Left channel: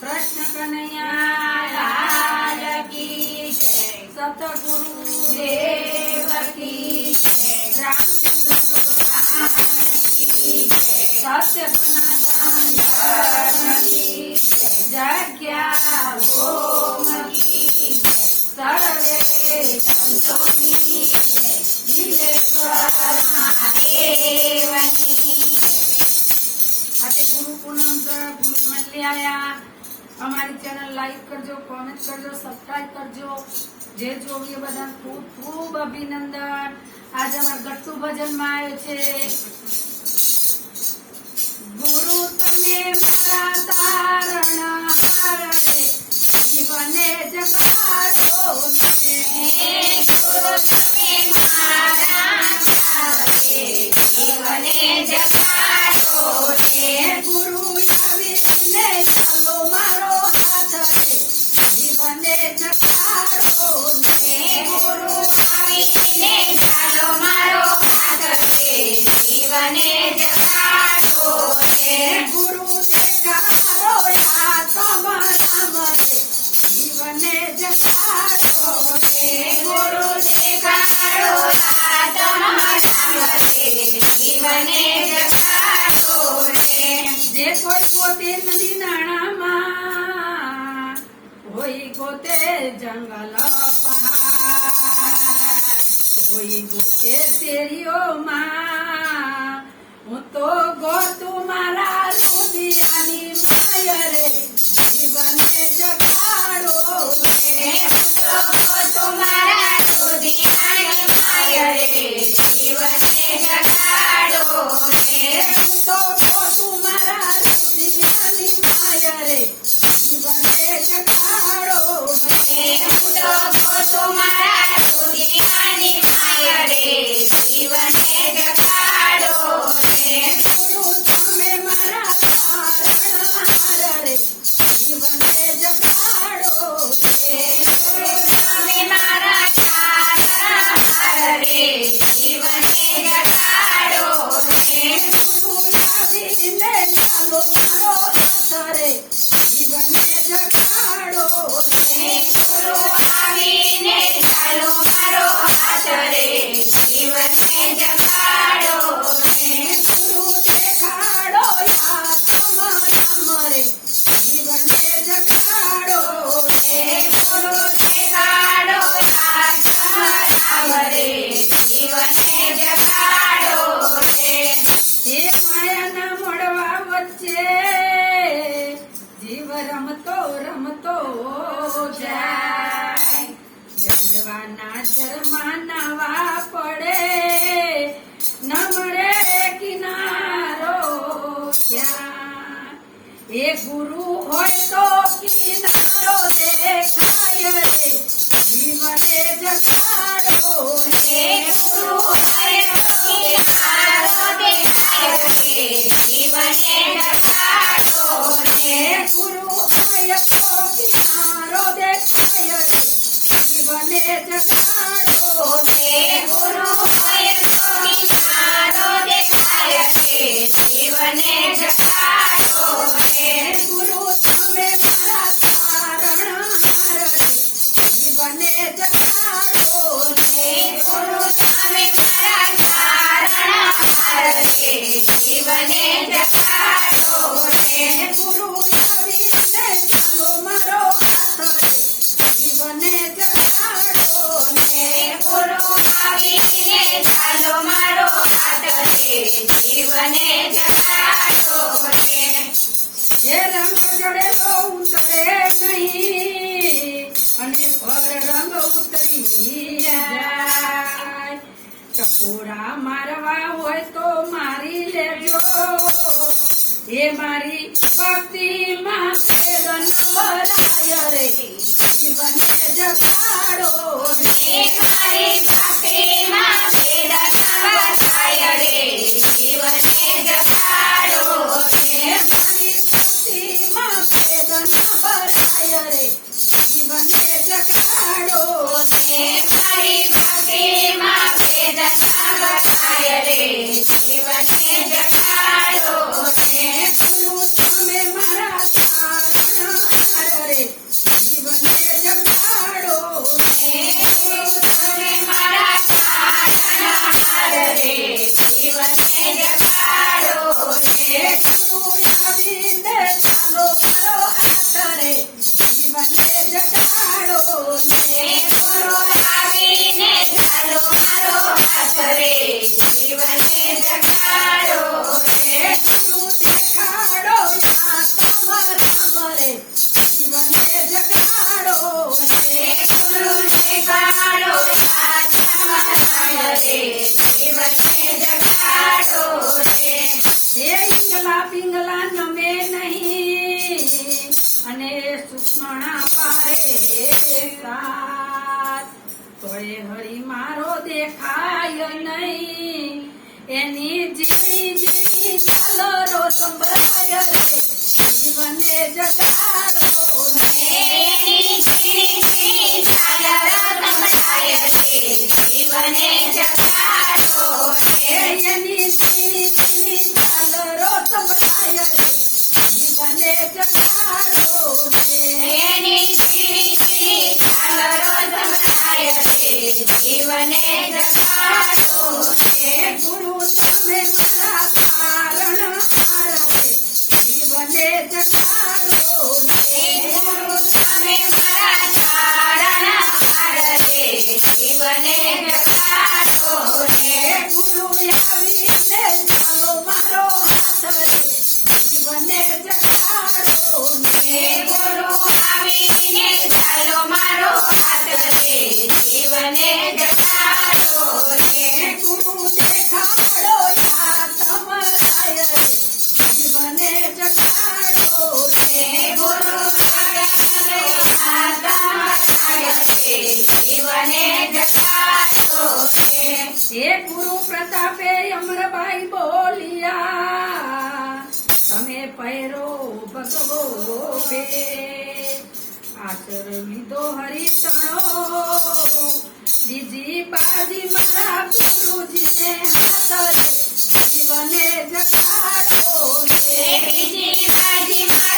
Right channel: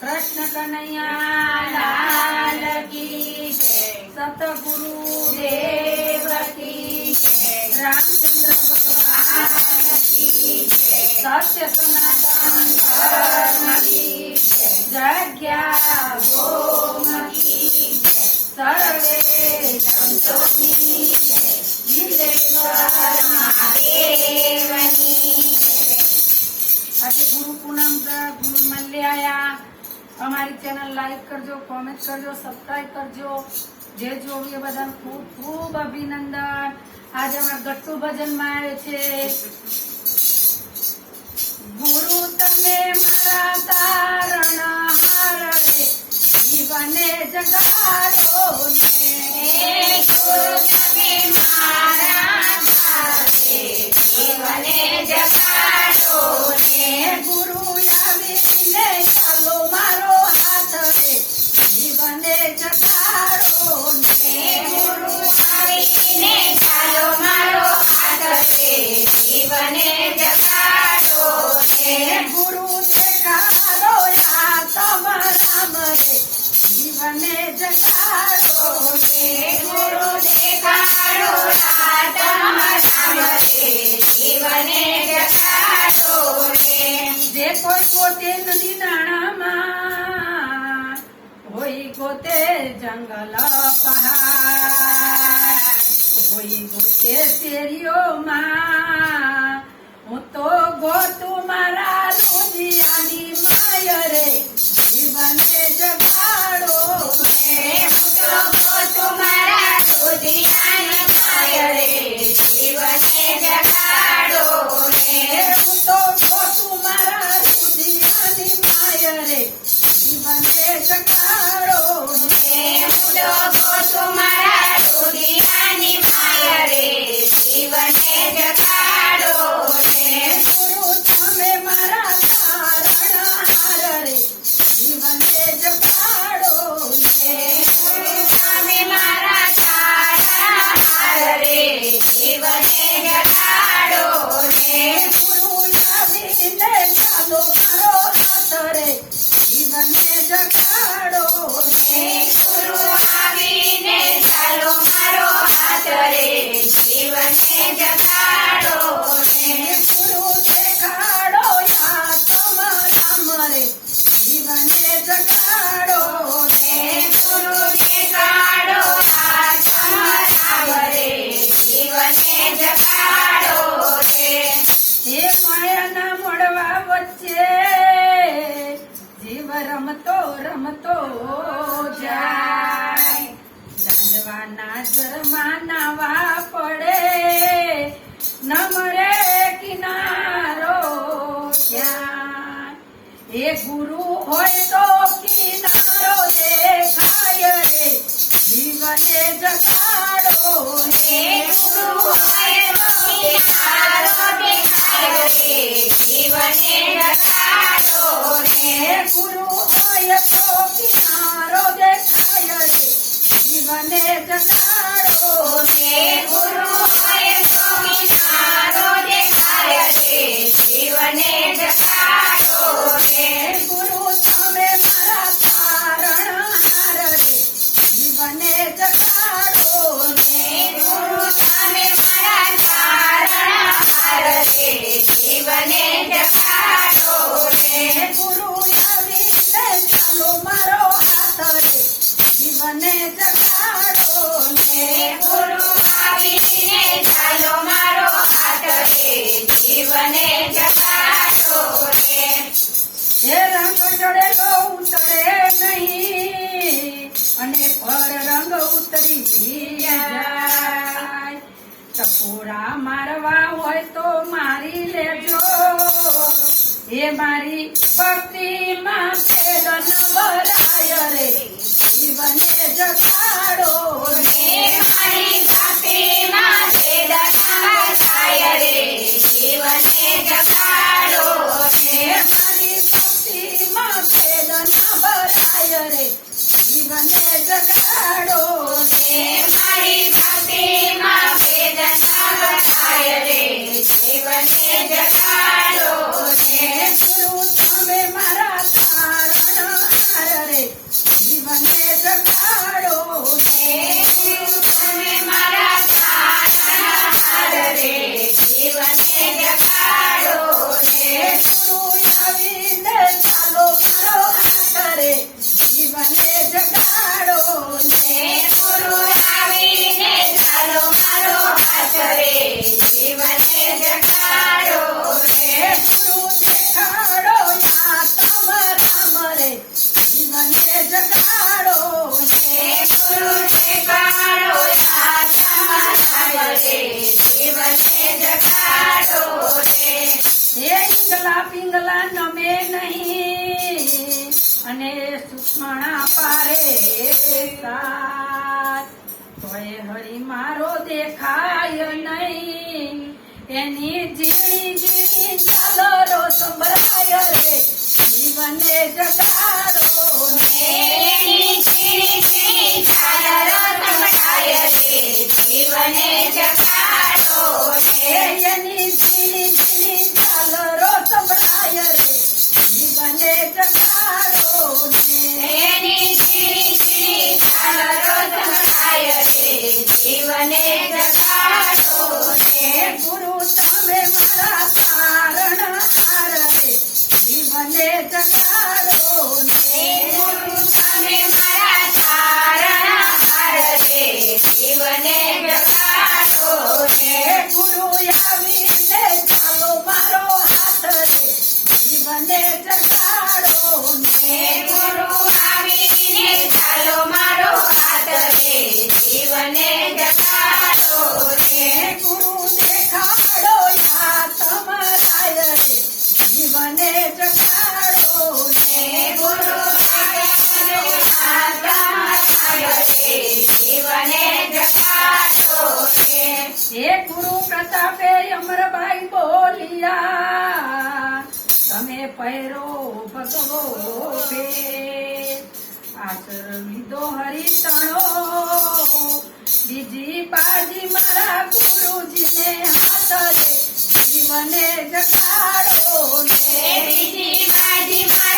કૃષ્ણ કનૈયા લાલ કી જય, સતગુરુ દેવ કી જય, રામચંદ્ર ભગવાન કી જય, સત્ય સનાતન ધર્મ કી જય, જગ્યા ઓમ કી જય, સર્વે સંતોની જય, જીલેશ્વર મહાદેવની જય। આજે ગુરુ પૂનમ ગુરુ મલ્લે આયા। અમારી ચેનલ લાઈક કરજો, કોમેન્ટ કરજો, સબસ્ક્રાઇબ કરજો। જે જોવીએ બધા ખૂબ ખૂબ અભિનંદન। આજે અમારા ગટ્ટુ ભજનમાં આવ્યો છે, ગુરુ તમે મારા તારણ હાર રે, જીવને જગાડો ને, ગુરુ તમે મારા હાર રે, જીવને જગાડો ને, ગુરુ આવીને ચાલો મારો હાથ રે, જીવને જગાડો ને, ગુરુ આવીને ચાલો મારો હાથ રે, જીવને જગાડો ને, ગુરુ દેખાડો યા તમારા મને, જીવને જગાડો ને, ગુરુ દેખાડો યા તમારા મને, જીવને જગાડો ને। જે કોઈ પોતે નદી નાણામાં હોય, ગોતે જંગલ પહાડ, કોઈ ગોતે શેરીઓમાં, હું તો ગોતું મારા રુદિયાની માય રે, જીવને જગાડો ને, હું તો ગોતું મારા રુદિયાની માય રે, જીવને જગાડો ને, હું તો ગોતું મારા રુદિયાની માય રે, જીવને જગાડો ને, હું તો ગોતું મારા રુદિયાની માય રે, જીવને જગાડો ને, ગુરુ તમે મારા તારણ હાર રે, જીવને જગાડો ને, ગુરુ તમે મારા તારણ હાર રે, જીવને જગાડો ને, ગુરુ આવીને ચાલો મારો હાથ રે, જીવને જગાડો ને, ગુરુ આવીને ચાલો મારો હાથ રે, જીવને જગાડો ને, ગુરુ દેખાડો યા તમારા મરે, જીવને જગાડો ને, ગુરુ દેખાડો યા તમારા મરે, જીવને જગાડો ને। હે માયાના મોડવા વચ્ચે જીવ રમતો રમતો જાય, જાણવાના જ માનવા પડે, ન મળે કિનારો ક્યાં, એ ગુરુ હોય તો કિનારો દેખાય રે, જીવને જગાડો ને, ગુરુ હોય તો કિનારો દેખાય રે, જીવને જગાડો ને, ગુરુ હોય તો કિનારો દેખાય રે, જીવને જગાડો ને, ગુરુ હોય તો કિનારો દેખાય રે, જીવને જગાડો ને, ગુરુ તમે મારા તારણ હાર રે, જીવને જગાડો ને, ગુરુ તમે મારા તારણ હાર રે, જીવને જગાડો ને, ગુરુ આવીને ચાલો મારો હાથ રે, જીવને જગાડો ને, ગુરુ આવીને ચાલો મારો હાથ રે, જીવને જગાડો ને। એ રંગ ચડેલો ઉતરે નહીં, અને પર રંગ ઉતરી જાય, ટકોરા મારવા હોય તો મારી લેજો, એ મારી ભક્તિ માટે નવરાય રે, જીવને જગાડો ને, મારી ભક્તિ માટે નવરાય રે, જીવને જગાડો ને, મારી ભક્તિ માટે નવરાય રે, જીવને જગાડો ને, મારી ભક્તિ માટે નવરાય રે, જીવને જગાડો ને, ગુરુ તમે મારા તારણ મણા પારે સાત તોય હરી મારો દેખાય નહીં એની ઝીણી ઝીણી ચાલો રો સંભળાય રે જીવને જગાડો ને એની ઝીણી ઝીણી ચાલો રો સંભળાય રે જીવને જગાડો ને એની ઝીણી ઝીણી ચાલો રો સંભળાય રે જીવને જગાડો ને એની ઝીણી ઝીણી ચાલો રો સંભળાય રે જીવને જગાડો ને ગુરુ તમે મારા કારણ હાર રે જીવને જગાડો ને ગુરુ તમે મારા તારણહાર રે જીવને જગાડો ને ગુરુ આવીને ચાલો મારો હાથ રે જીવને જગાડો ને ગુરુ આવીને ચાલો મારો હાથ રે જીવને જગાડો ને ગુરુ દેખાડો યા તમારાય રે જીવને જગાડો ને ગુરુ દેખાડો યા તમારાય રે જીવને જગાડો ને હે ગુરુ પ્રતાપે અમરભાઈ બોલિયા તમે પહેરો ભગવો બે આચર લીધો હરિતણો બીજી બાજી મારા ગુરુજીને હાથ રે જીવને જગાડો ને બીજી બાજી મારા